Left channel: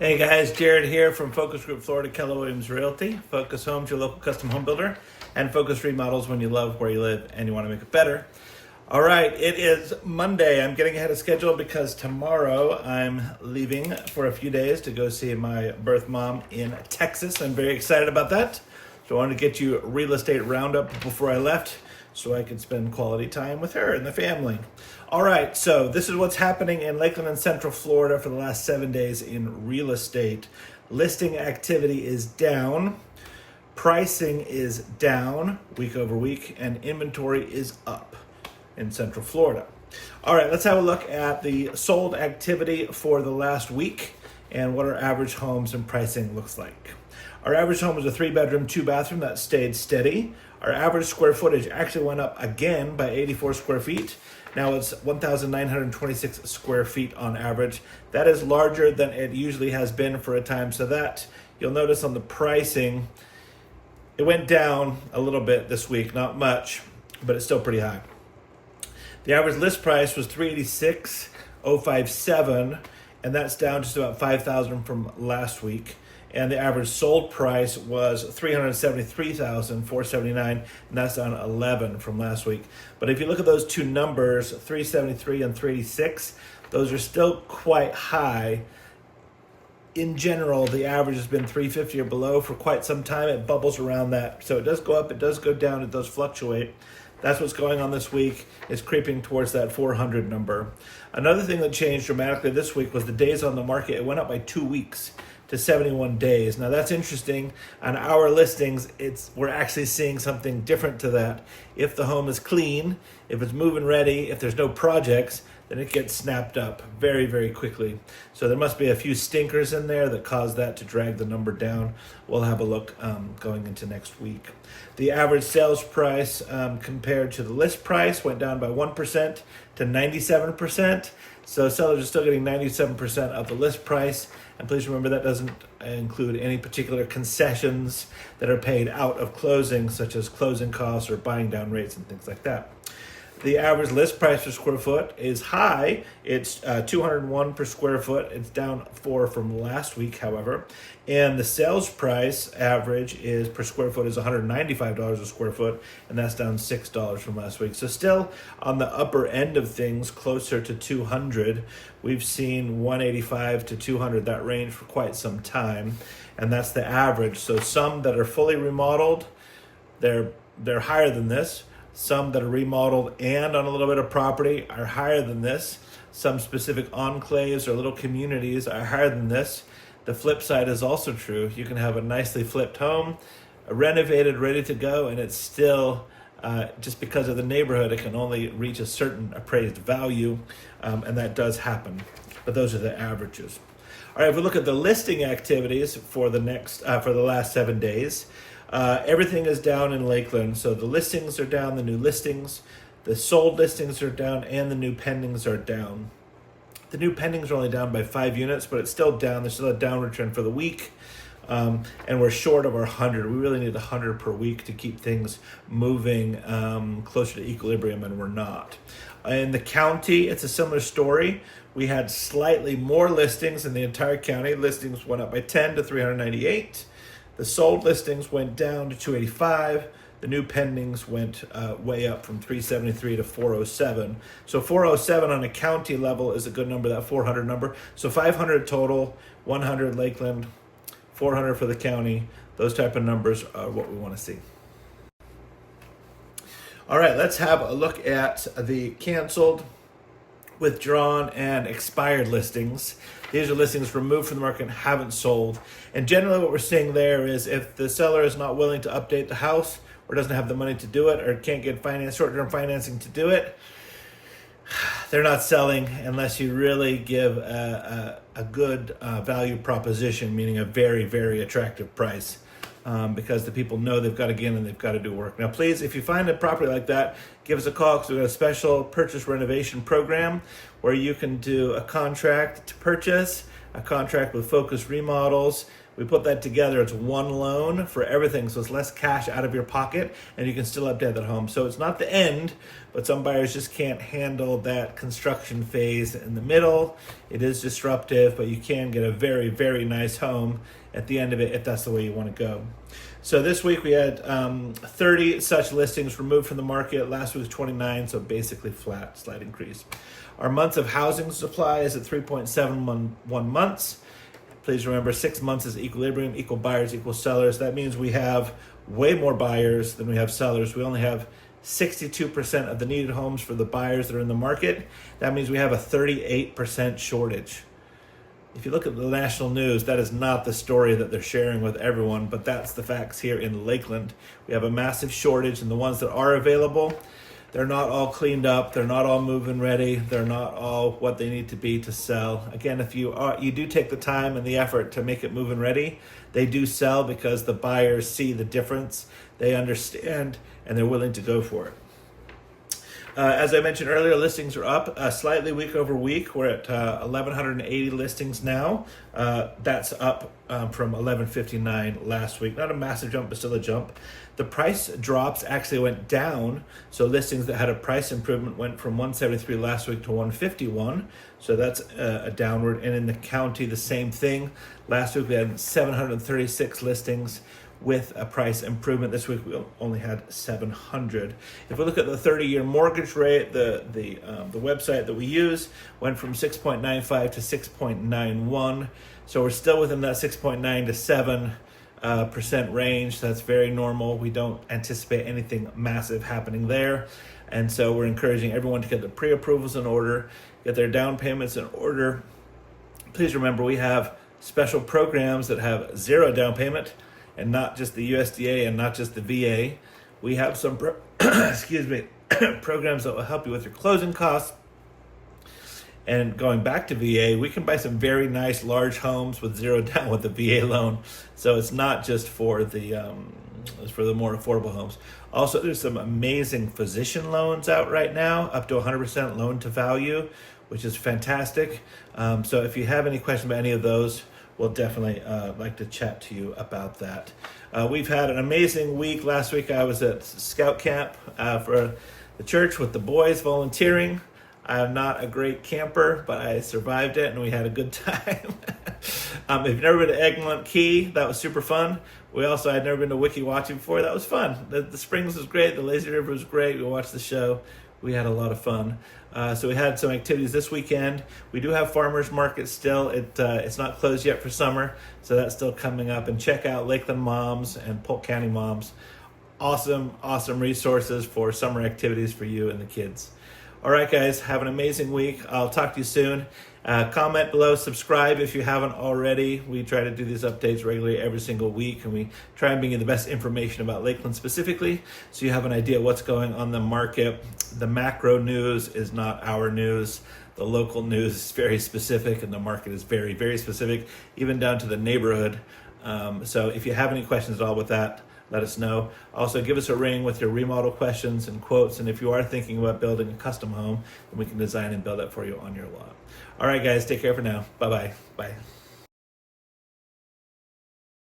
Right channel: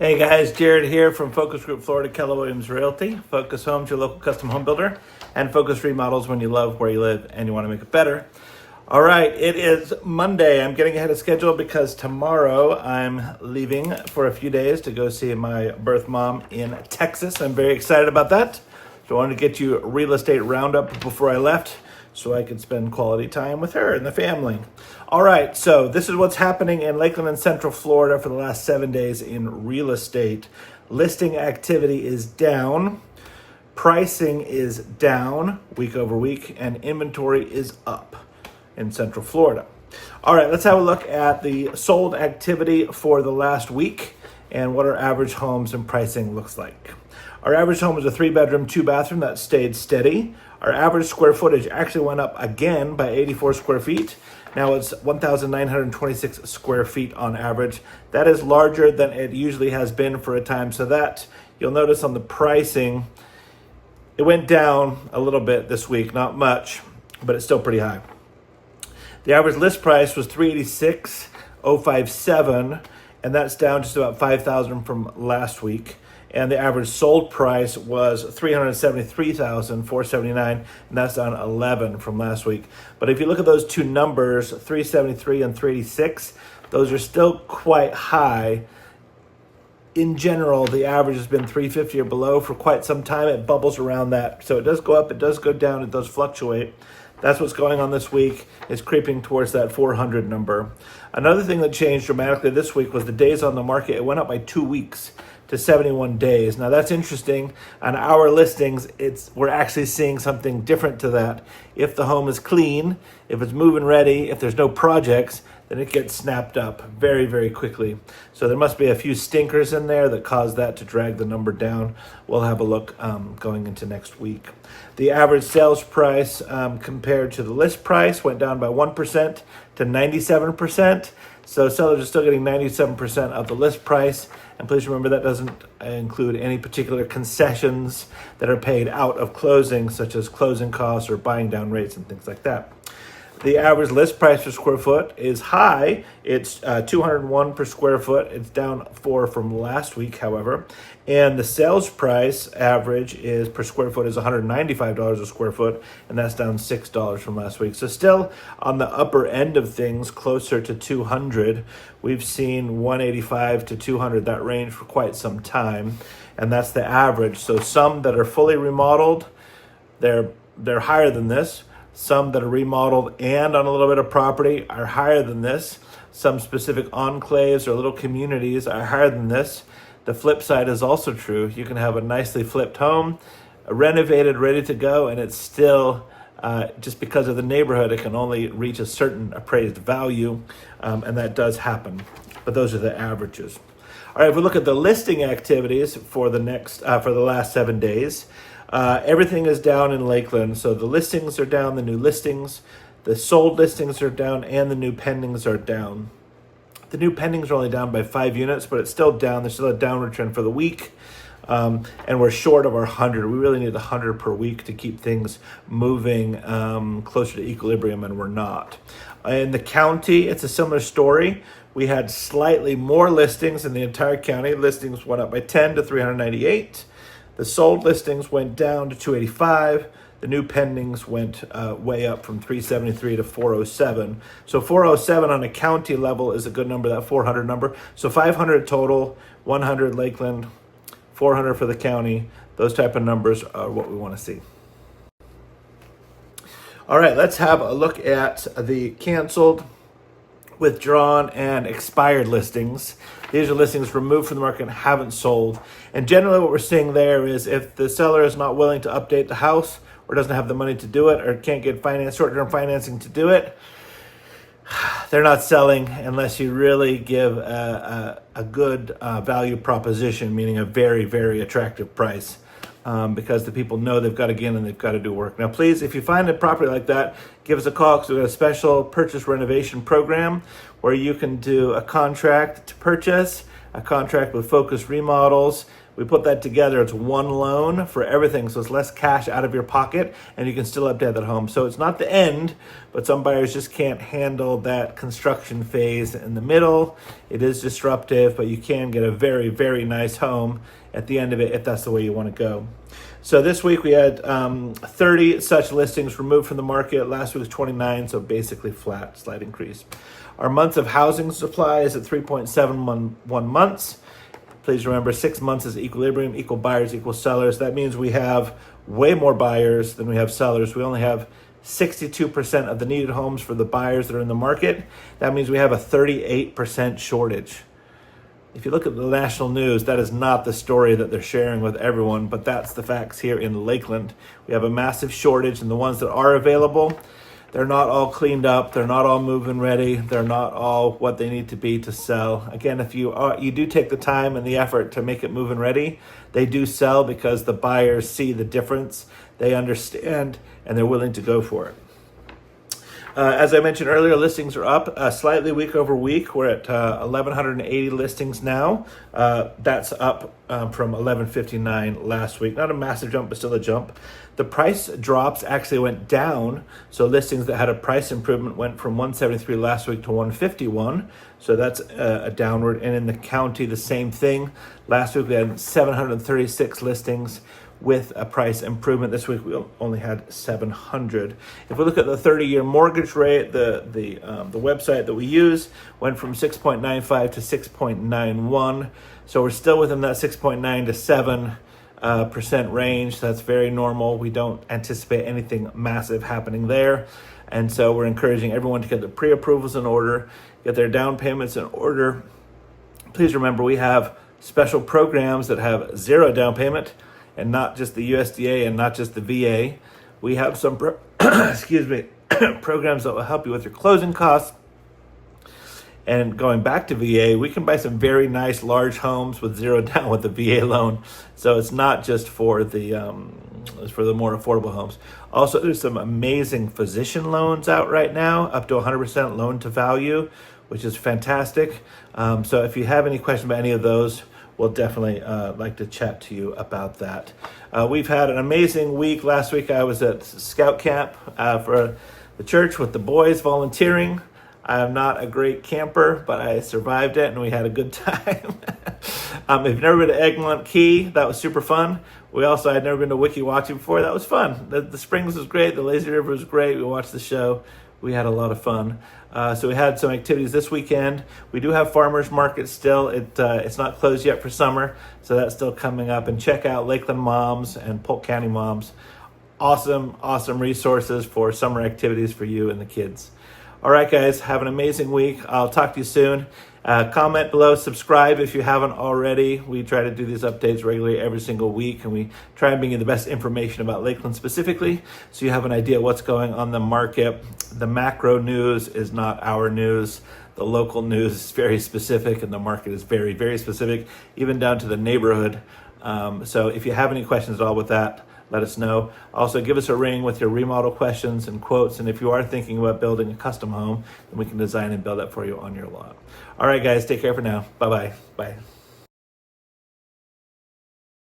Hey guys, Jared here from Focus Group Florida, Keller Williams Realty. Focus Homes, your local custom home builder, and Focus Remodels when you love where you live and you want to make it better. All right, it is Monday. I'm getting ahead of schedule because tomorrow I'm leaving for a few days to go see my birth mom in Texas. I'm very excited about that. So I wanted to get you a real estate roundup before I left so I could spend quality time with her and the family. All right, so this is what's happening in Lakeland and Central Florida for the last 7 days in real estate. Listing activity is down, pricing is down week over week, and inventory is up in Central Florida. All right, let's have a look at the sold activity for the last week and what our average homes and pricing looks like. Our average home was a 3-bedroom, 2-bathroom that stayed steady. Our average square footage actually went up again by 84 square feet. Now it's 1,926 square feet on average. That is larger than it usually has been for a time. So that you'll notice on the pricing, it went down a little bit this week, not much, but it's still pretty high. The average list price was $386,057, and that's down just about $5,000 from last week. And the average sold price was $373,479, and that's down 11 from last week. But if you look at those two numbers, 373 and 386, those are still quite high. In general, the average has been 350 or below for quite some time. It bubbles around that. So it does go up, it does go down, it does fluctuate. That's what's going on this week. It's creeping towards that 400 number. Another thing that changed dramatically this week was the days on the market. It went up by 2 weeks to 71 days. Now that's interesting. On our listings, we're actually seeing something different to that. If the home is clean, if it's move-in ready, if there's no projects, then it gets snapped up very, very quickly. So there must be a few stinkers in there that cause that to drag the number down. We'll have a look going into next week. The average sales price compared to the list price went down by 1% to 97%. So sellers are still getting 97% of the list price. And please remember that doesn't include any particular concessions that are paid out of closing, such as closing costs or buying down rates and things like that. The average list price per square foot is high. It's $201 per square foot. It's down 4 from last week, however. And the sales price average is per square foot is $195 a square foot, and that's down $6 from last week. So still on the upper end of things, closer to 200. We've seen 185 to 200, that range for quite some time, and that's the average. So some that are fully remodeled, they're higher than this. Some that are remodeled and on a little bit of property are higher than this. Some specific enclaves or little communities are higher than this. The flip side is also true. You can have a nicely flipped home, renovated, ready to go, and it's still, just because of the neighborhood, it can only reach a certain appraised value, and that does happen. But those are the averages. All right, if we look at the listing activities for the last 7 days, everything is down in Lakeland. So the listings are down, the new listings, the sold listings are down, and the new pendings are down. The new pendings are only down by 5 units, but it's still down. There's still a downward trend for the week. And we're short of our 100. We really need 100 per week to keep things moving closer to equilibrium, and we're not. In the county, it's a similar story. We had slightly more listings in the entire county. Listings went up by 10 to 398. The sold listings went down to 285. The new pendings went way up from 373 to 407. So 407 on a county level is a good number, that 400 number. So 500 total, 100 Lakeland, 400 for the county. Those type of numbers are what we want to see. All right, let's have a look at the canceled, withdrawn, and expired listings. These are listings removed from the market and haven't sold. And generally what we're seeing there is if the seller is not willing to update the house or doesn't have the money to do it or can't get short-term financing to do it, they're not selling unless you really give a good value proposition, meaning a very, very attractive price. Because the people know they've got to get in and they've got to do work. Now, please, if you find a property like that, give us a call because we've got a special purchase renovation program where you can do a contract to purchase, a contract with Focus Remodels, We put that together. It's one loan for everything, so it's less cash out of your pocket, and you can still update that home. So it's not the end, but some buyers just can't handle that construction phase in the middle. It is disruptive, but you can get a very, very nice home at the end of it if that's the way you want to go. So this week we had 30 such listings removed from the market. Last week was 29, so basically flat, slight increase. Our months of housing supply is at 3.71 months. Please remember, 6 months is equilibrium, equal buyers, equal sellers. That means we have way more buyers than we have sellers. We only have 62% of the needed homes for the buyers that are in the market. That means we have a 38% shortage. If you look at the national news, that is not the story that they're sharing with everyone, but that's the facts here in Lakeland. We have a massive shortage, and the ones that are available, they're not all cleaned up. They're not all move-in ready. They're not all what they need to be to sell. Again, if you do take the time and the effort to make it move-in ready, they do sell because the buyers see the difference. They understand, and they're willing to go for it. As I mentioned earlier, listings are up slightly week over week. We're at 1,180 listings now. That's up from 1,159 last week. Not a massive jump, but still a jump. The price drops actually went down. So listings that had a price improvement went from 173 last week to 151. So that's a downward. And in the county, the same thing. Last week we had 736 listings with a price improvement. This week we only had 700. If we look at the 30-year mortgage rate, the website that we use went from 6.95 to 6.91. So we're still within that 6.9 to 7% range. That's very normal. We don't anticipate anything massive happening there. And so we're encouraging everyone to get the pre-approvals in order, get their down payments in order. Please remember, we have special programs that have zero down payment, and not just the USDA and not just the VA. We have some programs that will help you with your closing costs. And going back to VA, we can buy some very nice large homes with zero down with the VA loan. So it's not just for the more affordable homes. Also, there's some amazing physician loans out right now, up to 100% loan to value, which is fantastic. So if you have any questions about any of those, we'll definitely like to chat to you about that. We've had an amazing week. Last week I was at scout camp for the church with the boys volunteering. I am not a great camper, but I survived it and we had a good time. If you've never been to Weggeland Key, that was super fun. We also had never been to Wiki before. That was fun. The Springs was great. The Lazy River was great. We watched the show. We had a lot of fun. So we had some activities this weekend. We do have farmers market still. It's not closed yet for summer, so that's still coming up. And check out Lakeland Moms and Polk County Moms. Awesome resources for summer activities for you and the kids. All right, guys, have an amazing week. I'll talk to you soon. Comment below, subscribe if you haven't already. We try to do these updates regularly every single week, and we try and bring you the best information about Lakeland specifically, so you have an idea what's going on in the market. The macro news is not our news. The local news is very specific, and the market is very, very specific, even down to the neighborhood. So if you have any questions at all with that, let us know. Also, give us a ring with your remodel questions and quotes. And if you are thinking about building a custom home, then we can design and build that for you on your lot. All right, guys, take care for now. Bye-bye. Bye.